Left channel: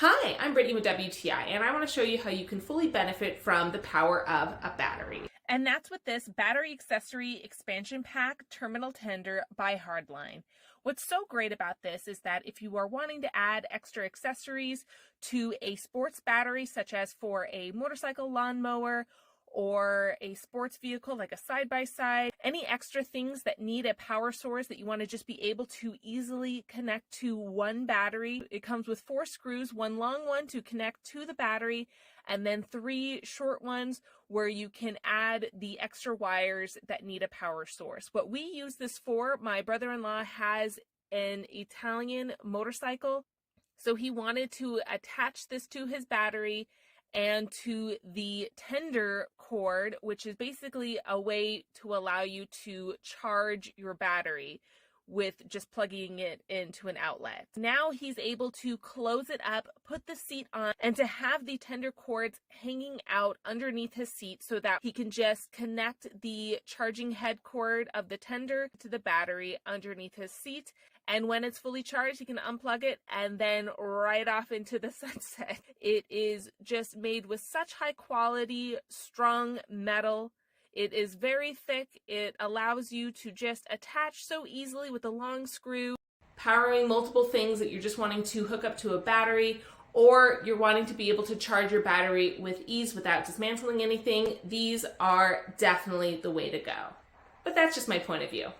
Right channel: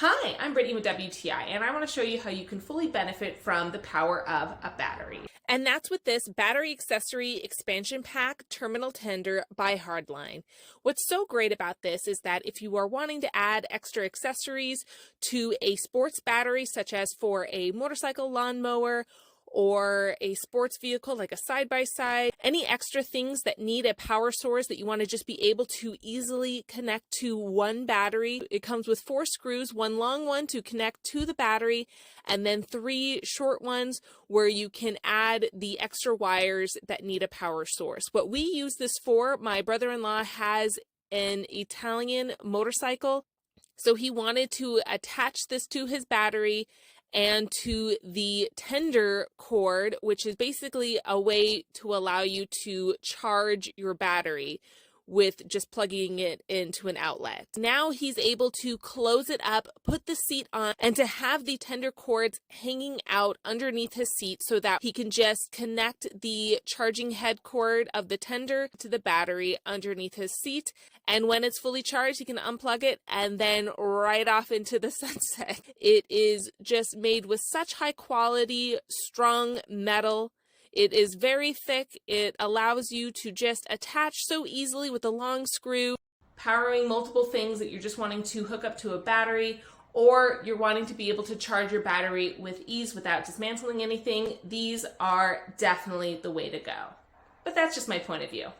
Hi, I'm Brittany with WTI, and I want to show you how you can fully benefit from the power of a battery. And that's with this Battery Accessory Expansion Pack Terminal Tender by Hardline. What's so great about this is that if you are wanting to add extra accessories to a sports battery, such as for a motorcycle lawnmower or a sports vehicle like a side-by-side, any extra things that need a power source that you want to just be able to easily connect to one battery. It comes with 4 screws, one long one to connect to the battery, and then 3 short ones where you can add the extra wires that need a power source. What we use this for, my brother-in-law has an Italian motorcycle, so he wanted to attach this to his battery and to the tender cord, which is basically a way to allow you to charge your battery with just plugging it into an outlet. Now he's able to close it up, put the seat on, and to have the tender cords hanging out underneath his seat so that he can just connect the charging head cord of the tender to the battery underneath his seat. And when it's fully charged, he can unplug it and then right off into the sunset. It is just made with such high quality, strong metal. It is very thick. It allows you to just attach so easily with a long screw. Powering multiple things that you're just wanting to hook up to a battery, or you're wanting to be able to charge your battery with ease without dismantling anything, these are definitely the way to go. But that's just my point of view.